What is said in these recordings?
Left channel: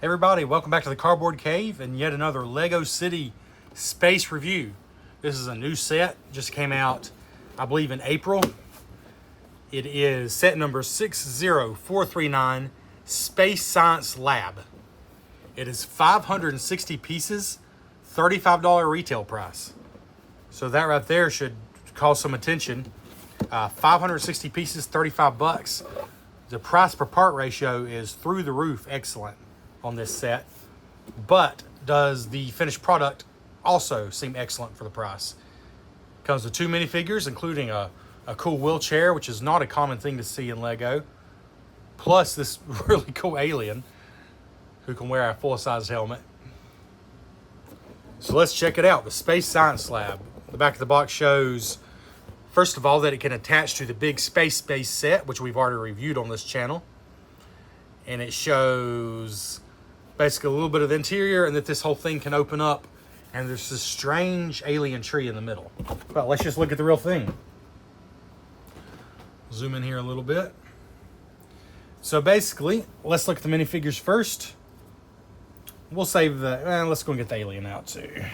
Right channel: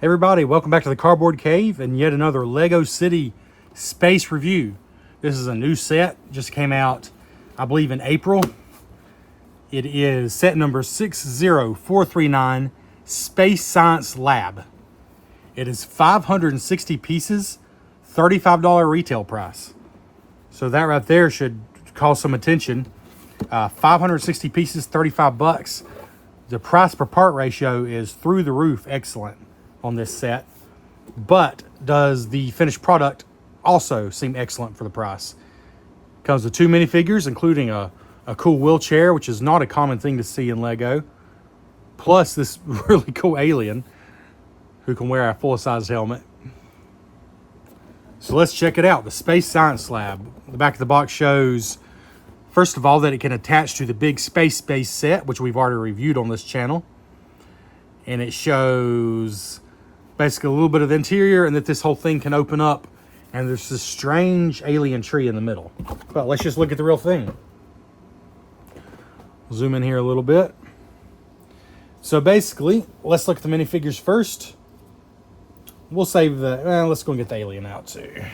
Hey everybody, welcome back to the Cardboard Cave and yet another Lego City space review. This is a new set, just came out, I believe in April. It is set number 60439, Space Science Lab. It is 560 pieces, $35 retail price. So that right there should call some attention. 560 pieces, 35 bucks. The price per part ratio is through the roof excellent on this set, but does the finished product also seem excellent for the price? Comes with 2 minifigures, including a cool wheelchair, which is not a common thing to see in Lego, plus this really cool alien who can wear a full-size helmet. So let's check it out, the Space Science Lab. The back of the box shows, first of all, that it can attach to the big Space Base set, which we've already reviewed on this channel. And it shows basically a little bit of the interior, and that this whole thing can open up, and there's this strange alien tree in the middle. Well, let's just look at the real thing. Zoom in here a little bit. So basically, let's look at the minifigures first. We'll save the, let's go and get the alien out too.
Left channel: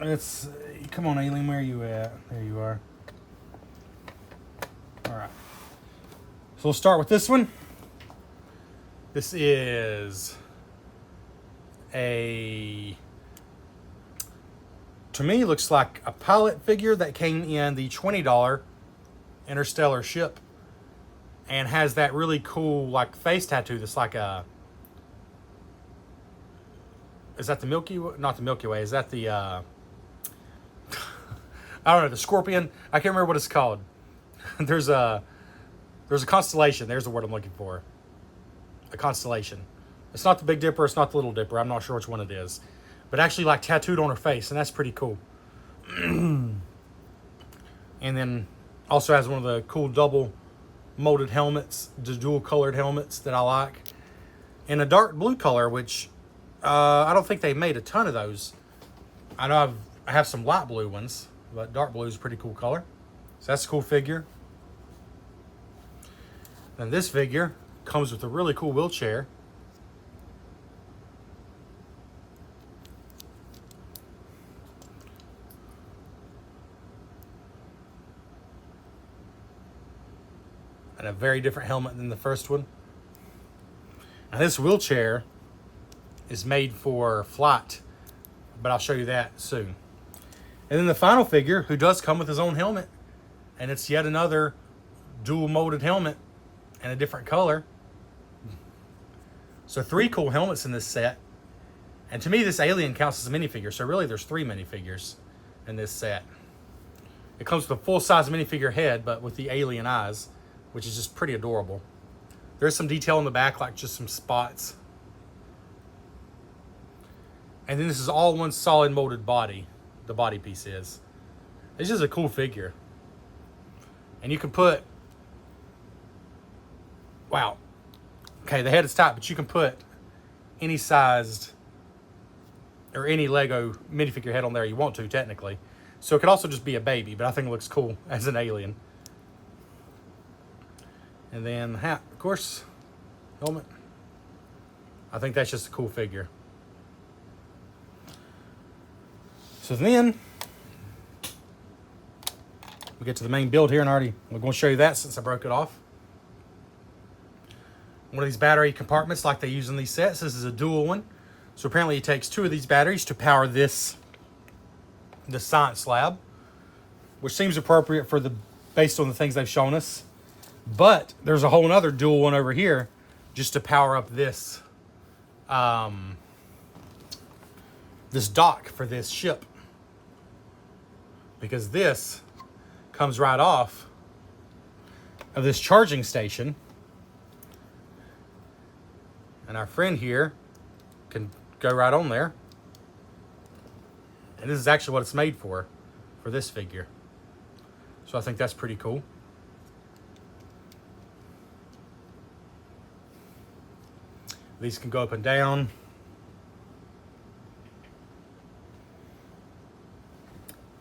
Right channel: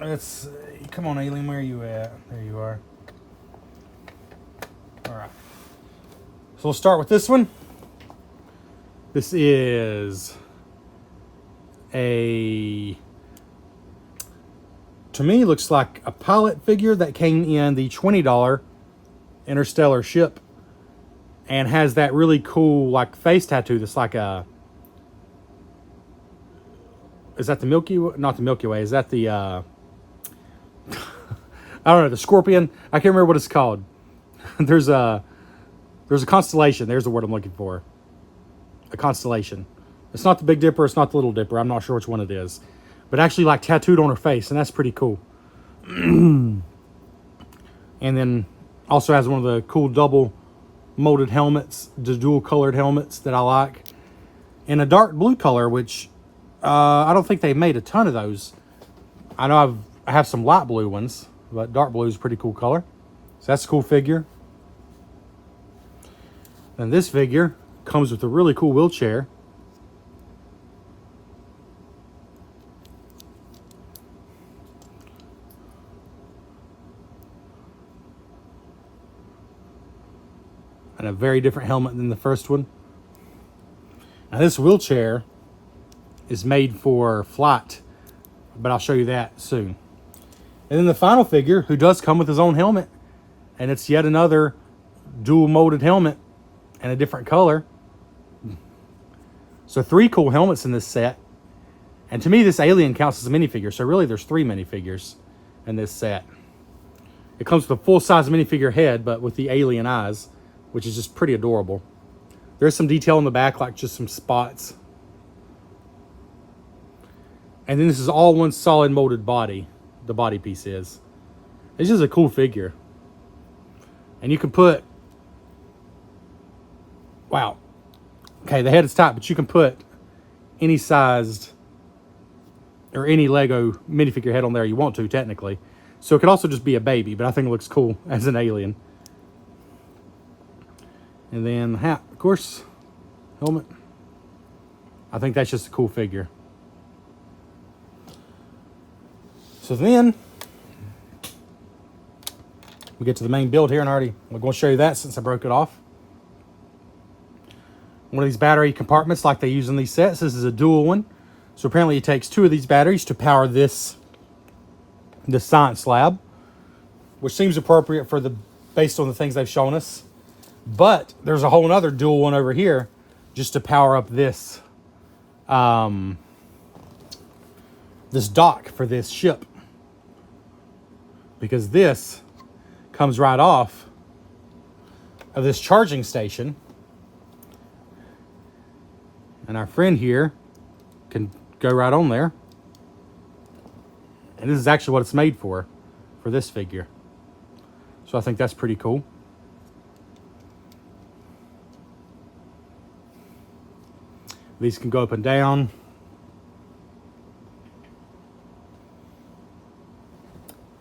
Let's, come on alien, where are you at? There you are. All right. So we'll start with this one. This is to me, looks like a pilot figure that came in the $20 interstellar ship and has that really cool like face tattoo that's like a, is that the Milky Way? Not the Milky Way, is that the, I don't know, the Scorpion? I can't remember what it's called. There's a constellation, there's the word I'm looking for. A constellation. It's not the Big Dipper, it's not the Little Dipper, I'm not sure which one it is, but actually like tattooed on her face, and that's pretty cool. And then also has one of the cool double molded helmets, the dual colored helmets that I like, in a dark blue color, which I don't think they've made a ton of those. I know I have some light blue ones, but dark blue is a pretty cool color, so that's a cool figure. And this figure comes with a really cool wheelchair. And a very different helmet than the first one. Now this wheelchair is made for flight, but I'll show you that soon. And then the final figure, who does come with his own helmet, and it's yet another dual molded helmet in a different color. So 3 cool helmets in this set. And to me, this alien counts as a minifigure. So really, there's 3 minifigures in this set. It comes with a full-size minifigure head, but with the alien eyes, which is just pretty adorable. There's some detail in the back, like just some spots. And then this is all one solid molded body. The body piece is. It's just a cool figure. And you can put, wow. Okay, the head is tight, but you can put any sized or any Lego minifigure head on there you want to, technically. So it could also just be a baby, but I think it looks cool as an alien. And then the hat, of course, helmet. I think that's just a cool figure. So then we get to the main build here, and I'm going to show you that since I broke it off. One of these battery compartments like they use in these sets. This is a dual one. So apparently it takes 2 of these batteries to power the science lab, which seems appropriate for based on the things they've shown us. But there's a whole other dual one over here just to power up this this dock for this ship, because this comes right off of this charging station. And our friend here can go right on there. And this is actually what it's made for this figure. So I think that's pretty cool. These can go up and down.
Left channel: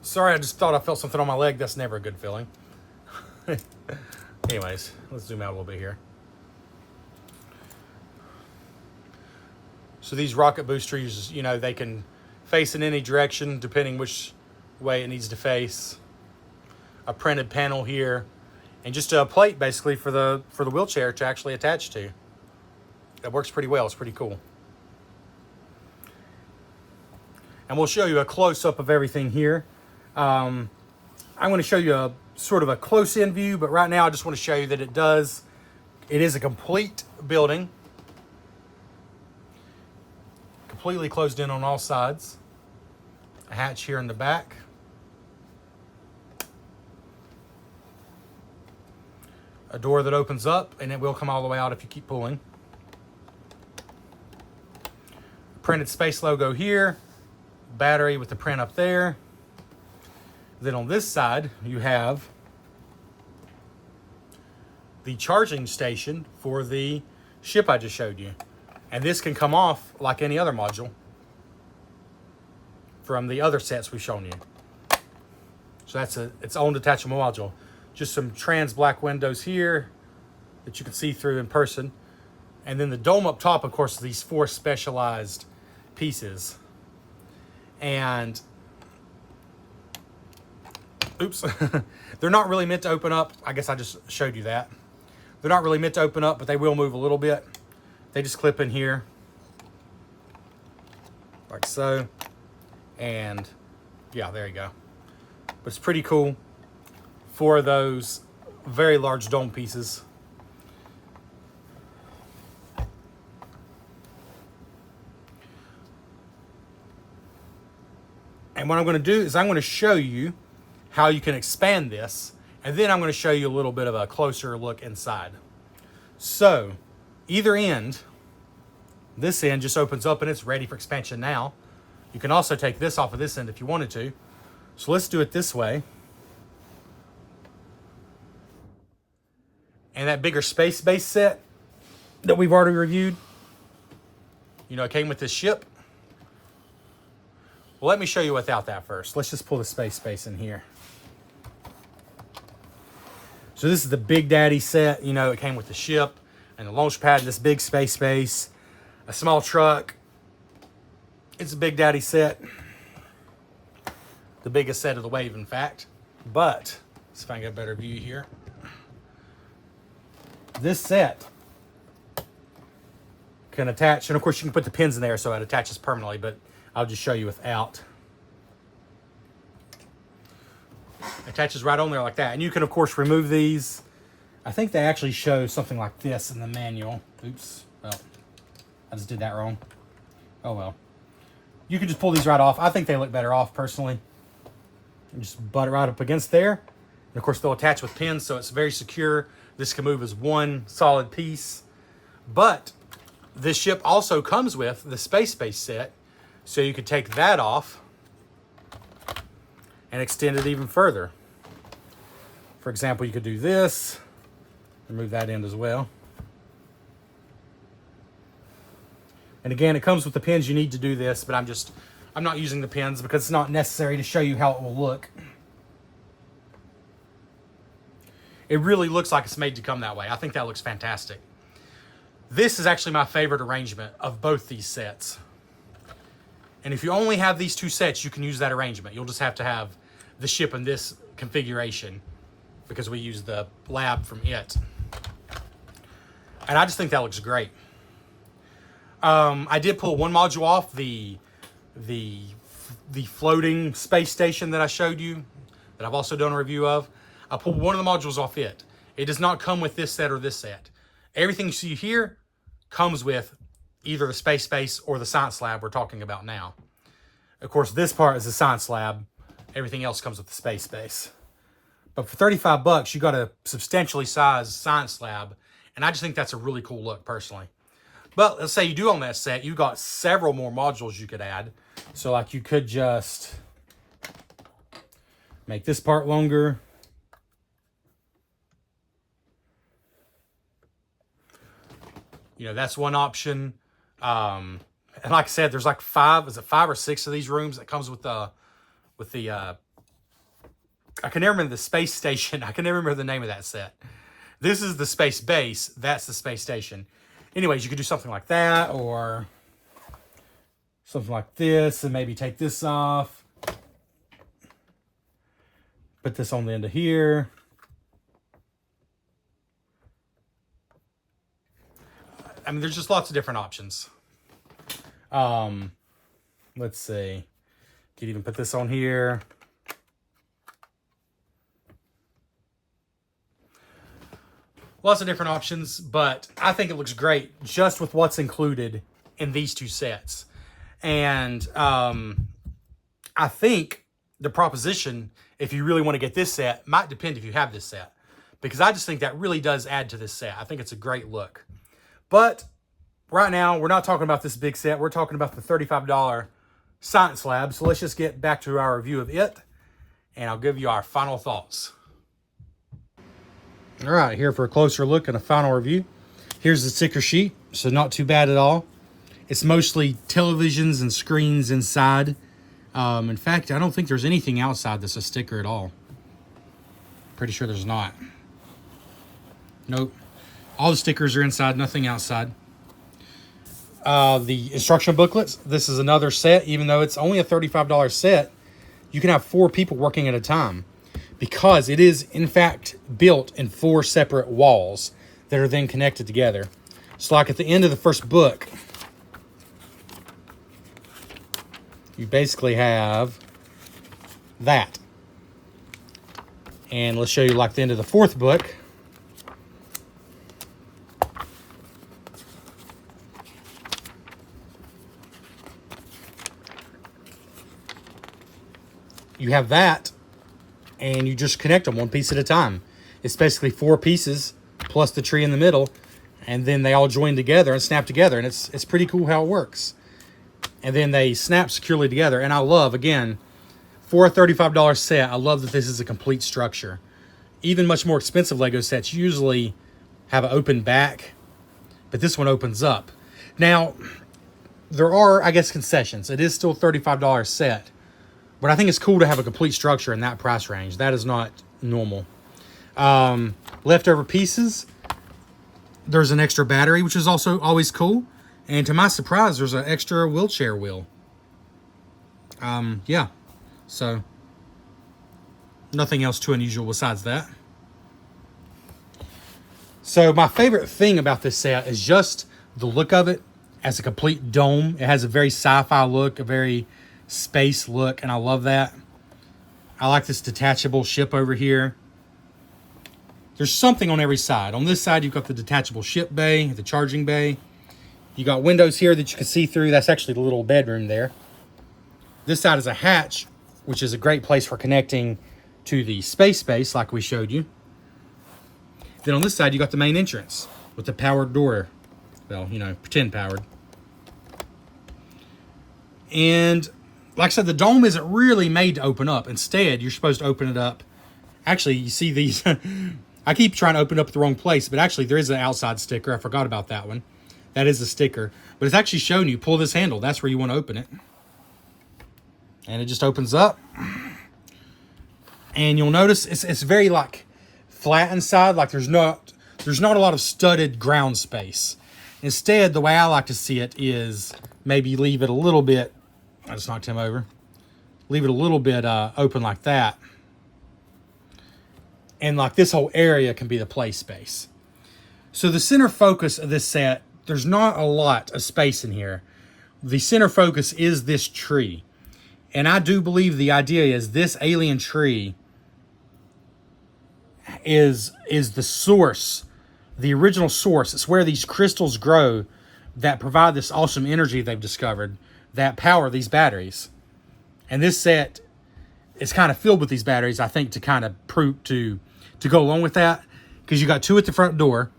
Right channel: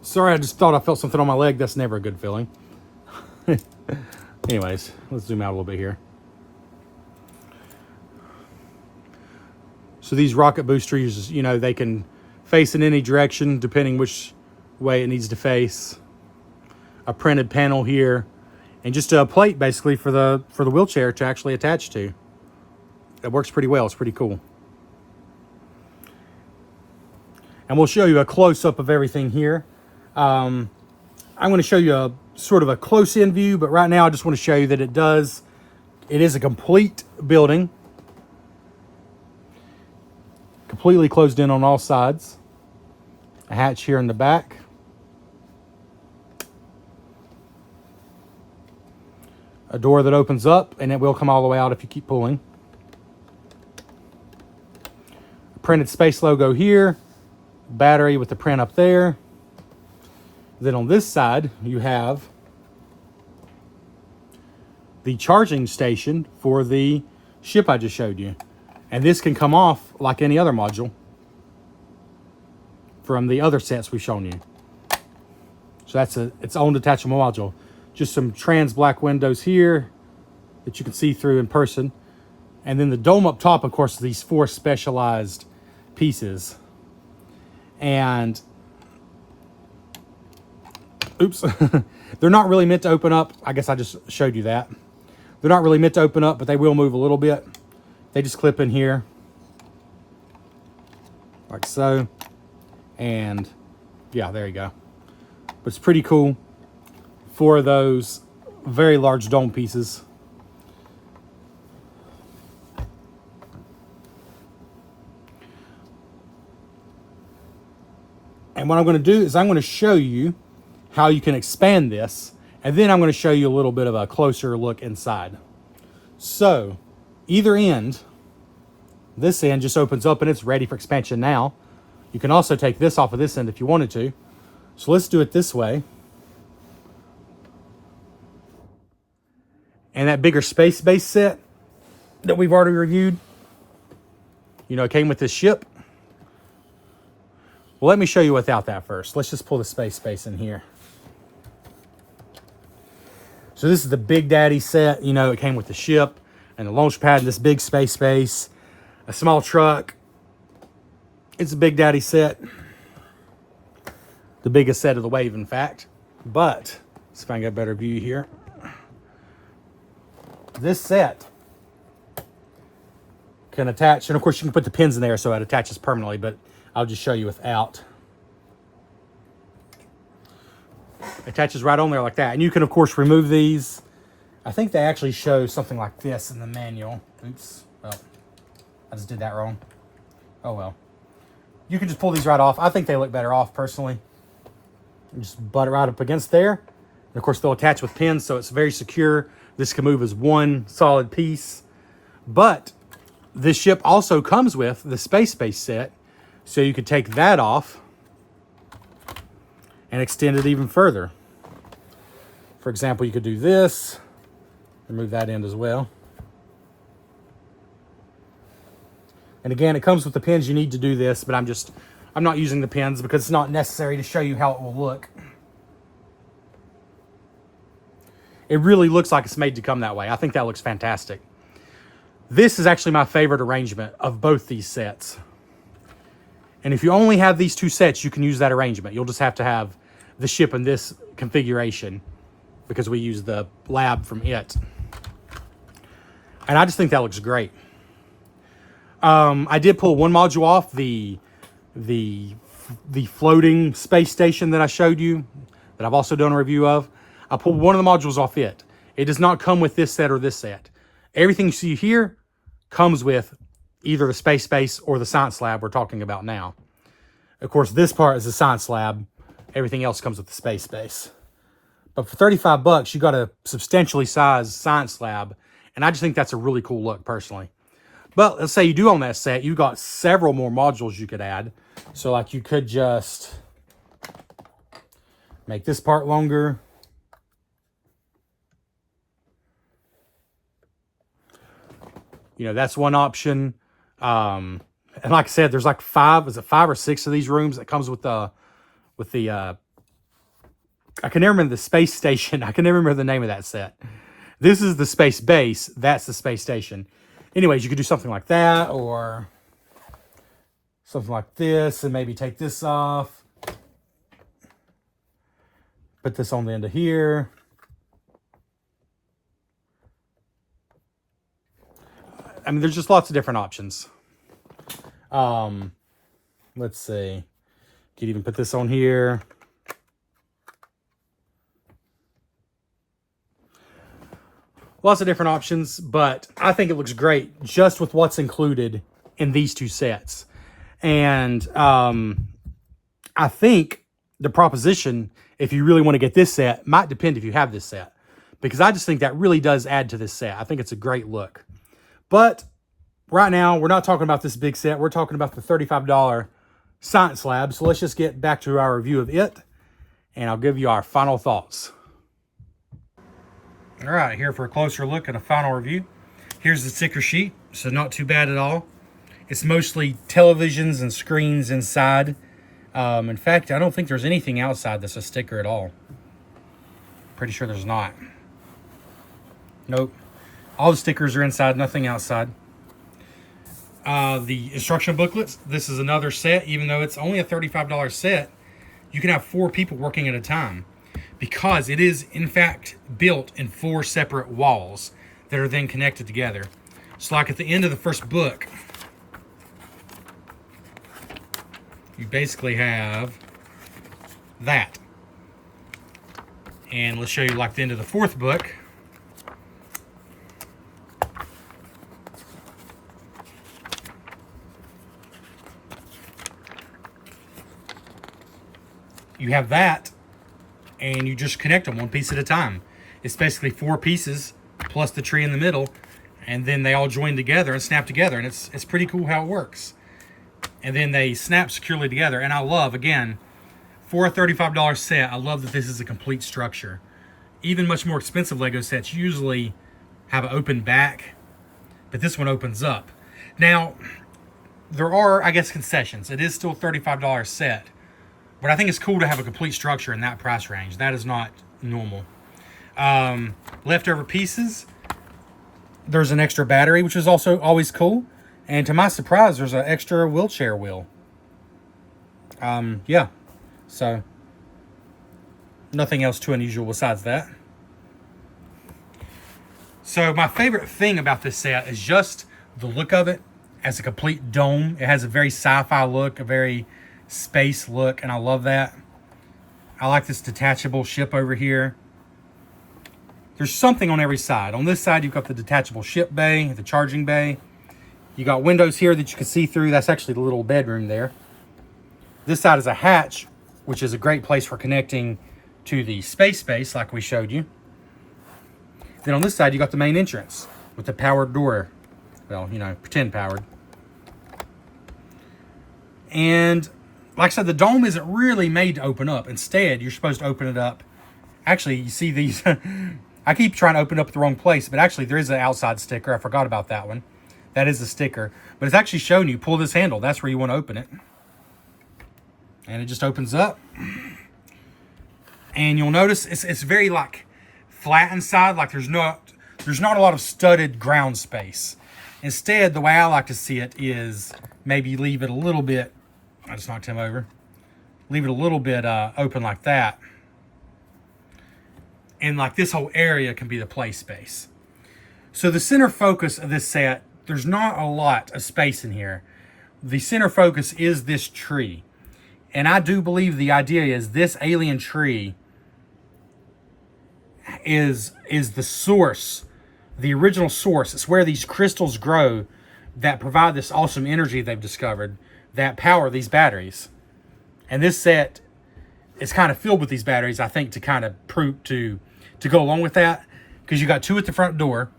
Sorry, I just thought I felt something on my leg. That's never a good feeling. Anyways, let's zoom out a little bit here. So these rocket boosters, you know, they can face in any direction depending which way it needs to face. A printed panel here, and just a plate basically for the wheelchair to actually attach to. It works pretty well. It's pretty cool. And we'll show you a close-up of everything here. I'm going to show you a sort of a close-in view, but right now I just want to show you that it is a complete building. Completely closed in on all sides. A hatch here in the back. A door that opens up, and it will come all the way out if you keep pulling. Printed space logo here. Battery with the print up there. Then on this side, you have the charging station for the ship I just showed you. And this can come off like any other module from the other sets we've shown you. So that's its own detachable module. Just some trans black windows here that you can see through in person. And then the dome up top, of course, these 4 specialized pieces. And oops, they're not really meant to open up. I guess I just showed you that. They're not really meant to open up, but they will move a little bit. They just clip in here like so. And yeah, there you go. But it's pretty cool. 4 of those very large dome pieces. And what I'm going to do is I'm going to show you how you can expand this, and then I'm going to show you a little bit of a closer look inside. So either end, this end just opens up and it's ready for expansion now. You can also take this off of this end if you wanted to. So let's do it this way. And that bigger space base set that we've already reviewed, you know, came with this ship. Well, let me show you without that first. Let's just pull the space base in here. So this is the Big Daddy set. You know, it came with the ship and the launch pad and this big space base, a small truck. It's a Big Daddy set. The biggest set of the wave, in fact. But, let's see if I can get a better view here. This set can attach, and of course you can put the pins in there so it attaches permanently, but I'll just show you without. It attaches right on there like that. And you can, of course, remove these. I think they actually show something like this in the manual. Oops. Well, I just did that wrong. Oh, well. You can just pull these right off. I think they look better off, personally. And just butt it right up against there. And, of course, they'll attach with pins, so it's very secure. This can move as one solid piece. But this ship also comes with the space base set. So you could take that off and extend it even further. For example, you could do this and move that end as well. And again, it comes with the pins you need to do this, but I'm not using the pins because it's not necessary to show you how it will look. It really looks like it's made to come that way. I think that looks fantastic. This is actually my favorite arrangement of both these sets. And if you only have these 2 sets, you can use that arrangement. You'll just have to have the ship in this configuration because we use the lab from it. And I just think that looks great. I did pull one module off, the floating space station that I showed you, that I've also done a review of. I pulled one of the modules off it. It does not come with this set or this set. Everything you see here comes with either the space base or the science lab we're talking about now. Of course, this part is the science lab. Everything else comes with the space base. But for $35, you got a substantially sized science lab, and I just think that's a really cool look, personally. But let's say you do own that set, you got several more modules you could add. So like you could just make this part longer. You know, that's one option. And like I said, there's like 5 or 6 of these rooms that comes with the I can never remember the space station. I can never remember the name of that set. This is the space base. That's the space station. Anyways, you could do something like that, or something like this, and maybe take this off. Put this on the end of here. I mean, there's just lots of different options. Let's see. Could even put this on here. Lots of different options, but I think it looks great just with what's included in these two sets. And I think the proposition, if you really want to get this set, might depend if you have this set. Because I just think that really does add to this set. I think it's a great look. But right now, we're not talking about this big set. We're talking about the $35 Science Lab. So let's just get back to our review of it, and I'll give you our final thoughts. All right, here for a closer look and a final review. Here's the sticker sheet, so not too bad at all. It's mostly televisions and screens inside. In fact, I don't think there's anything outside that's a sticker at all. Pretty sure there's not. Nope. All the stickers are inside, nothing outside. The instruction booklets. This is another set. Even though it's only a $35 set, you can have 4 people working at a time, because it is, in fact, built in 4 separate walls that are then connected together. So like at the end of the first book, you basically have that. And let's show you like the end of the 4th book. You have that, and you just connect them one piece at a time. It's basically 4 pieces plus the tree in the middle, and then they all join together and snap together, and it's pretty cool how it works. And then they snap securely together. And I love, again, for a $35 set, I love that this is a complete structure. Even much more expensive Lego sets usually have an open back, but this one opens up. Now, there are, I guess, concessions. It is still a $35 set, but I think it's cool to have a complete structure in that price range. That is not normal. Leftover pieces. There's an extra battery, which is also always cool. And to my surprise, there's an extra wheelchair wheel. Yeah. So, nothing else too unusual besides that. So, my favorite thing about this set is just the look of it as a complete dome. It has a very sci-fi look, a very space look, and I love that. I like this detachable ship over here. There's something on every side. On this side, you've got the detachable ship bay, the charging bay. You got windows here that you can see through. That's actually the little bedroom there. This side is a hatch, which is a great place for connecting to the space like we showed you. Then on this side, you got the main entrance with the powered door. Well, you know, pretend powered. And like I said, the dome isn't really made to open up. Instead, you're supposed to open it up. Actually, you see these. I keep trying to open up the wrong place, but actually there is an outside sticker. I forgot about that one. That is a sticker, but it's actually showing you pull this handle. That's where you want to open it. And it just opens up. And you'll notice it's very like flat inside. Like there's not a lot of studded ground space. Instead, the way I like to see it is maybe leave it a little bit. I just knocked him over. Leave it a little bit open like that. And like this whole area can be the play space. So the center focus of this set, there's not a lot of space in here. The center focus is this tree. And I do believe the idea is this alien tree is the source, the original source. It's where these crystals grow that provide this awesome energy they've discovered that power these batteries. And this set is kind of filled with these batteries, I think, to kind of prove to go along with that. Because you got 2 at the front door.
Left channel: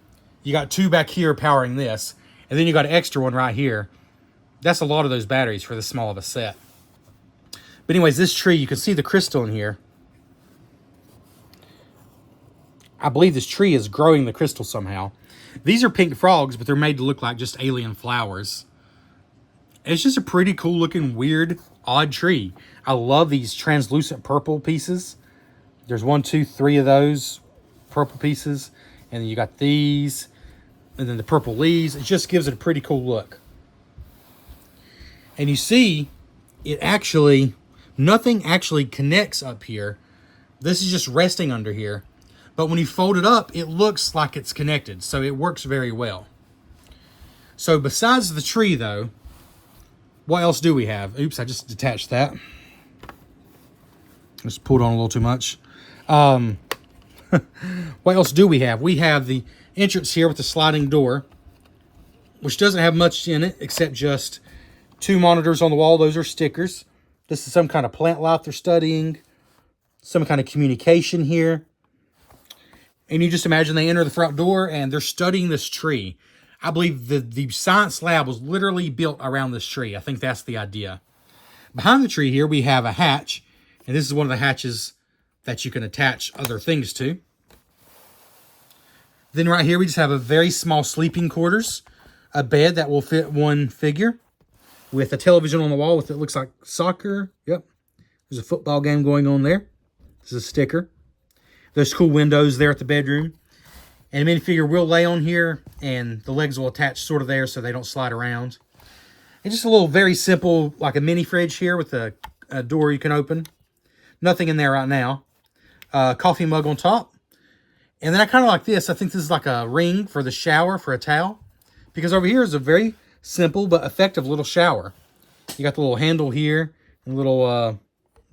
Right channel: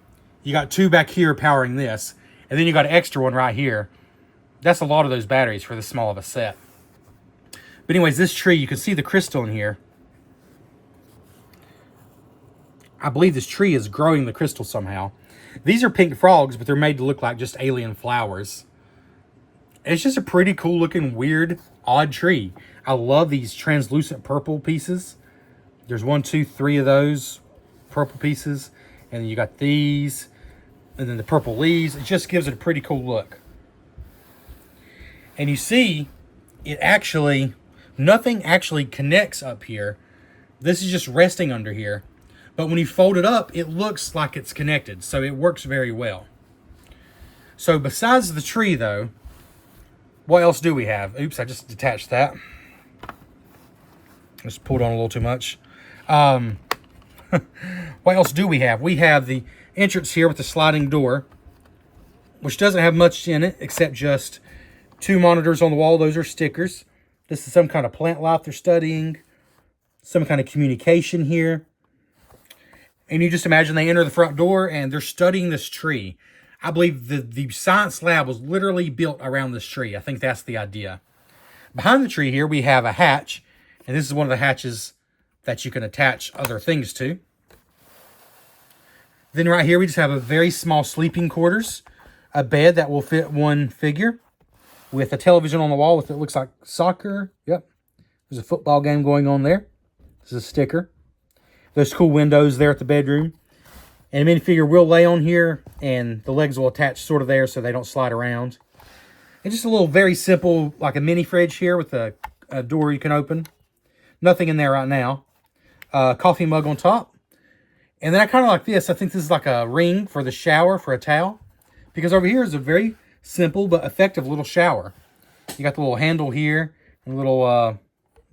You got 2 back here powering this. And then you got an extra one right here. That's a lot of those batteries for this small of a set. But anyways, this tree, you can see the crystal in here. I believe this tree is growing the crystal somehow. These are pink frogs, but they're made to look like just alien flowers. It's just a pretty cool looking, weird, odd tree. I love these translucent purple pieces. There's 1, 2, 3 of those purple pieces. And then you got these. And then the purple leaves. It just gives it a pretty cool look. And you see, nothing actually connects up here. This is just resting under here. But when you fold it up, it looks like it's connected. So it works very well. So besides the tree though, what else do we have? Oops, I just detached that. Just pulled on a little too much. What else do we have? We have the entrance here with the sliding door, which doesn't have much in it except just 2 monitors on the wall. Those are stickers. This is some kind of plant life they're studying, some kind of communication here. And you just imagine they enter the front door and they're studying this tree. I believe the science lab was literally built around this tree. I think that's the idea. Behind the tree here, we have a hatch. And this is one of the hatches that you can attach other things to. Then right here, we just have a very small sleeping quarters. A bed that will fit 1 figure. With a television on the wall with it looks like soccer. Yep. There's a football game going on there. This is a sticker. There's cool windows there at the bedroom. And a minifigure will lay on here, and the legs will attach sort of there so they don't slide around. And just a little very simple, like a mini fridge here with a door you can open. Nothing in there right now. Coffee mug on top. And then I kind of like this. I think this is like a ring for the shower for a towel. Because over here is a very simple but effective little shower. You got the little handle here and a little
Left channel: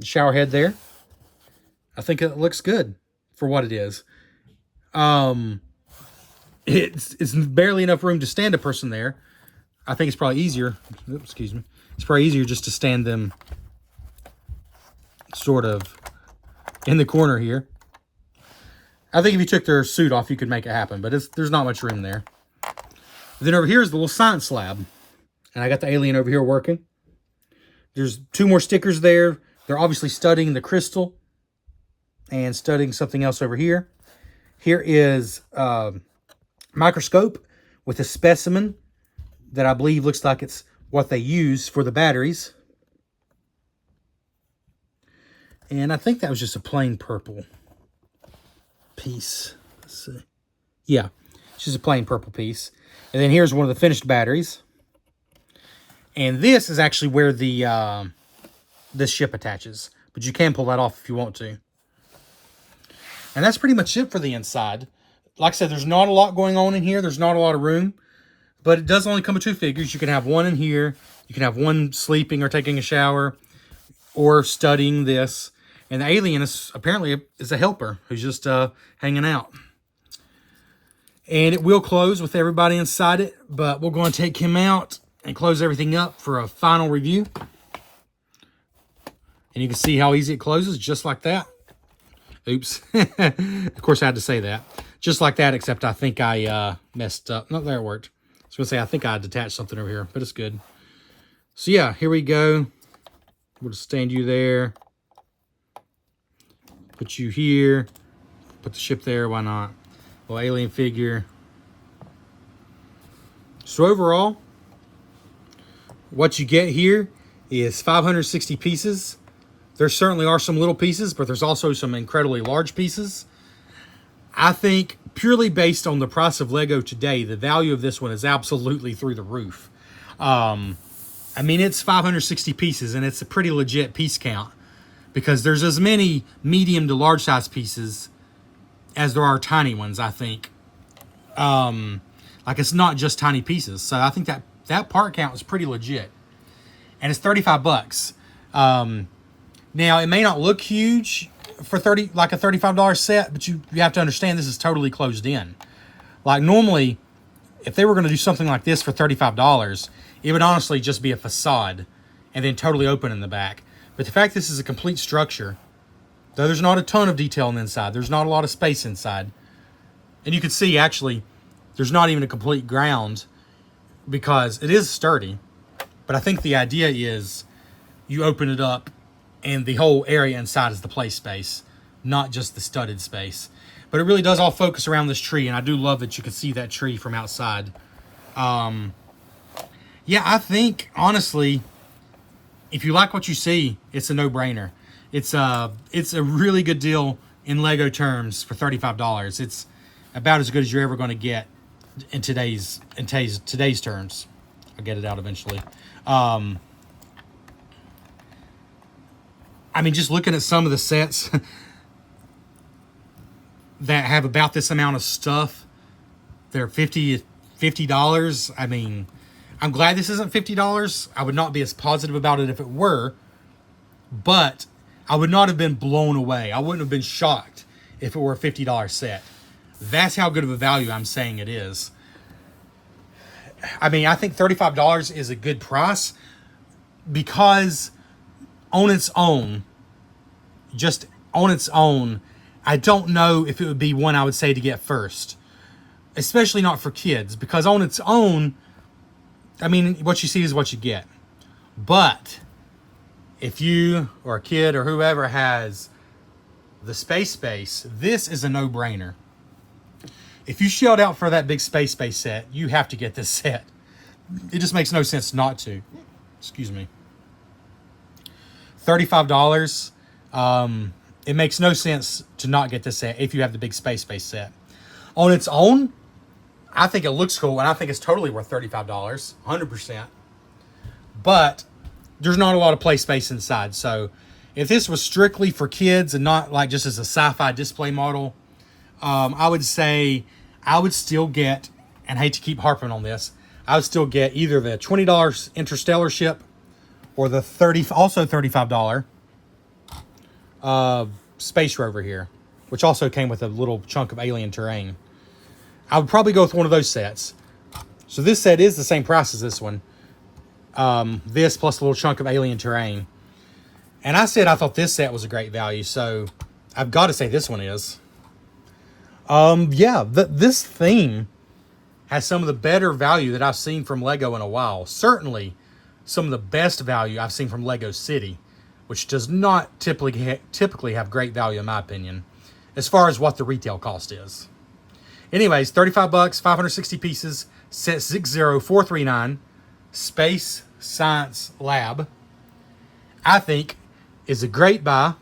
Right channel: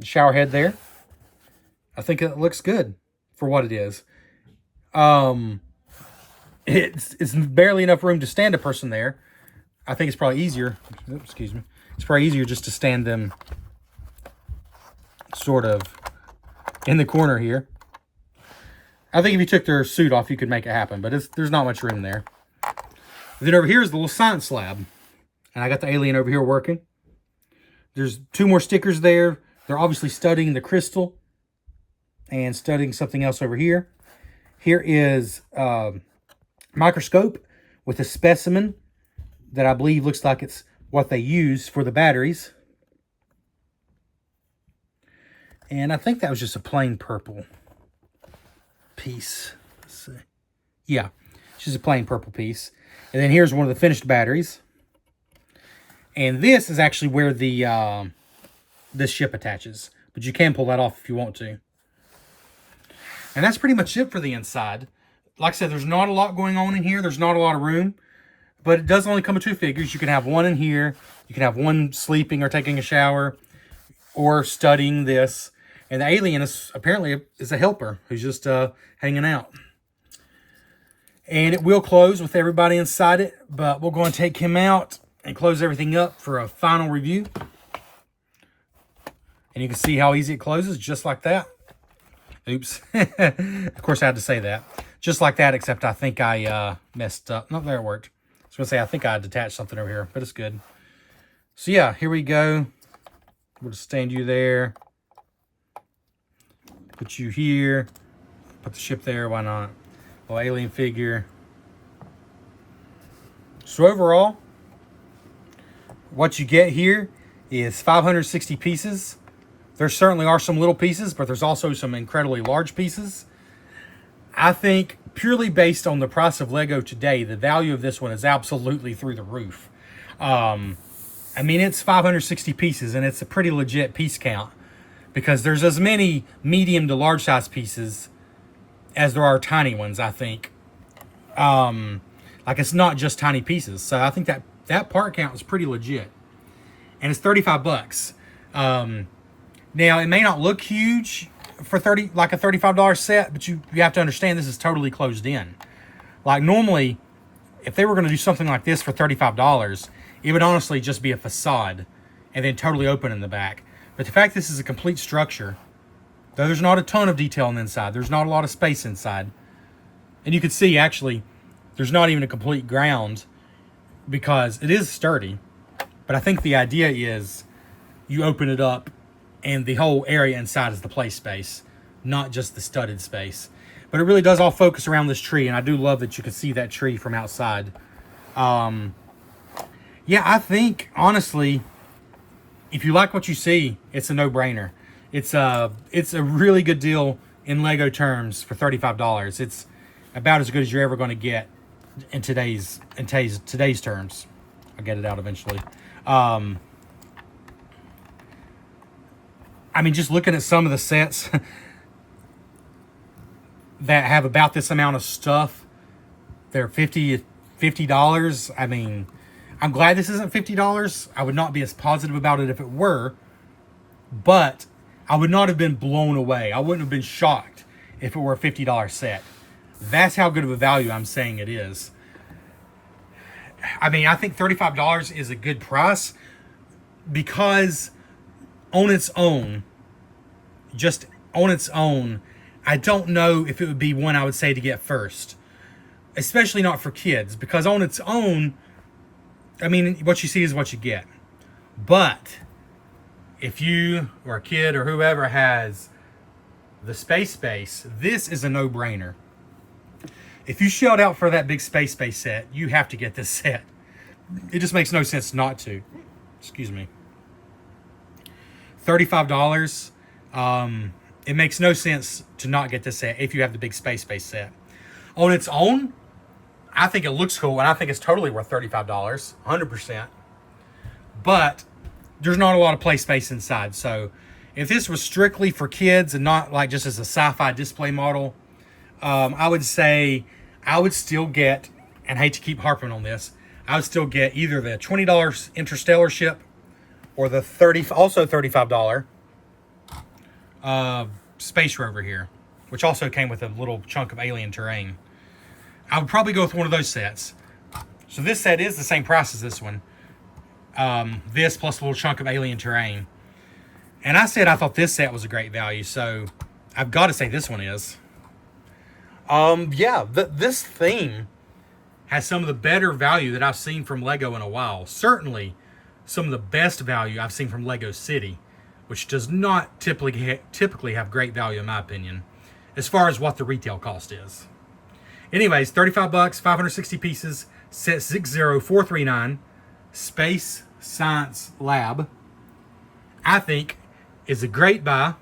shower head there. I think it looks good for what it is. It's barely enough room to stand a person there. I think it's probably easier. Oops, excuse me. It's probably easier just to stand them sort of in the corner here. I think if you took their suit off, you could make it happen, but there's not much room there. Then over here is the little science lab. And I got the alien over here working. There's 2 more stickers there. They're obviously studying the crystal and studying something else over here. Here is a microscope with a specimen that I believe looks like it's what they use for the batteries. And I think that was just a plain purple piece. Let's see. Yeah, it's just a plain purple piece. And then here's one of the finished batteries. And this is actually where the this ship attaches. But you can pull that off if you want to. And that's pretty much it for the inside. Like I said, there's not a lot going on in here. There's not a lot of room. But it does only come with 2 figures. You can have one in here. You can have one sleeping or taking a shower. Or studying this. And the alien is apparently a helper who's just hanging out. And it will close with everybody inside it. But we're going to take him out and close everything up for a final review. And you can see how easy it closes, just like that. Oops. Of course, I had to say that. Just like that, except I think I messed up. No, there it worked. I was going to say, I think I detached something over here, but it's good. So, yeah, here we go. We'll just stand you there. Put you here. Put the ship there. Why not? Little alien figure. So, overall, what you get here is 560 pieces. There certainly are some little pieces, but there's also some incredibly large pieces. I think purely based on the price of Lego today, the value of this one is absolutely through the roof. I mean, it's 560 pieces, and it's a pretty legit piece count because there's as many medium to large size pieces as there are tiny ones, I think. Like, it's not just tiny pieces. So I think that part count is pretty legit. And it's $35. Now, it may not look huge for a $35 set, but you have to understand this is totally closed in. Like, normally, if they were going to do something like this for $35, it would honestly just be a facade and then totally open in the back. But the fact this is a complete structure, though there's not a ton of detail on the inside, there's not a lot of space inside. And you can see, actually, there's not even a complete ground because it is sturdy. But I think the idea is you open it up and the whole area inside is the play space, not just the studded space. But it really does all focus around this tree, and I do love that you can see that tree from outside. Yeah, I think, honestly, if you like what you see, it's a no-brainer. It's a really good deal in Lego terms for $35. It's about as good as you're ever going to get in today's terms. I'll get it out eventually. I mean, just looking at some of the sets that have about this amount of stuff, they're $50. I mean, I'm glad this isn't $50. I would not be as positive about it if it were, but I would not have been blown away. I wouldn't have been shocked if it were a $50 set. That's how good of a value I'm saying it is. I mean, I think $35 is a good price because on its own, just on its own, I don't know if it would be one I would say to get first, especially not for kids, because on its own, I mean, what you see is what you get. But if you or a kid or whoever has the space, this is a no-brainer. If you shelled out for that big space set, you have to get this set. It just makes no sense not to. Excuse me. $35. It makes no sense to not get this set if you have the big space set. On its own, I think it looks cool, and I think it's totally worth $35, 100%. But there's not a lot of play space inside. So if this was strictly for kids and not like just as a sci-fi display model, I would say I would still get, and I hate to keep harping on this, I would still get either the $20 Interstellar ship or the also $35 space rover here, which also came with a little chunk of alien terrain. I would probably go with one of those sets. So this set is the same price as this one. This plus a little chunk of alien terrain. And I said I thought this set was a great value, so I've got to say this one is. Yeah, this theme has some of the better value that I've seen from Lego in a while. Certainly some of the best value I've seen from Lego City, which does not typically have great value in my opinion, as far as what the retail cost is. Anyways, $35, 560 pieces, set 60439, Space Science Lab, I think is a great buy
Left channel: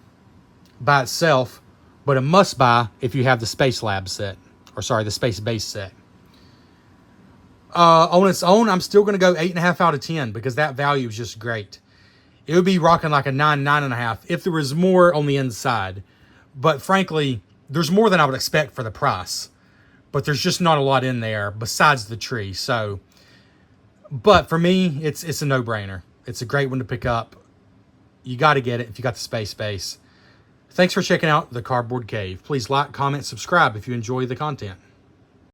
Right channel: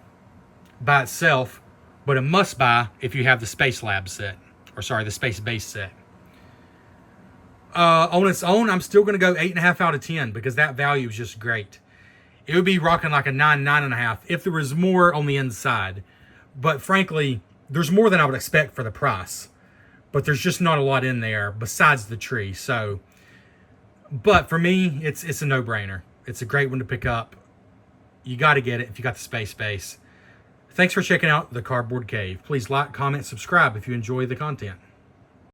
by itself, but a must buy if you have the Space Lab set, or sorry, the Space Base set. On its own, I'm still going to go 8.5 out of 10 because that value is just great. It would be rocking like a 9, 9.5 if there was more on the inside. But frankly, there's more than I would expect for the price. But there's just not a lot in there besides the tree. So, but for me, it's a no-brainer. It's a great one to pick up. You got to get it if you got the Space Base. Thanks for checking out the Cardboard Cave. Please like, comment, subscribe if you enjoy the content.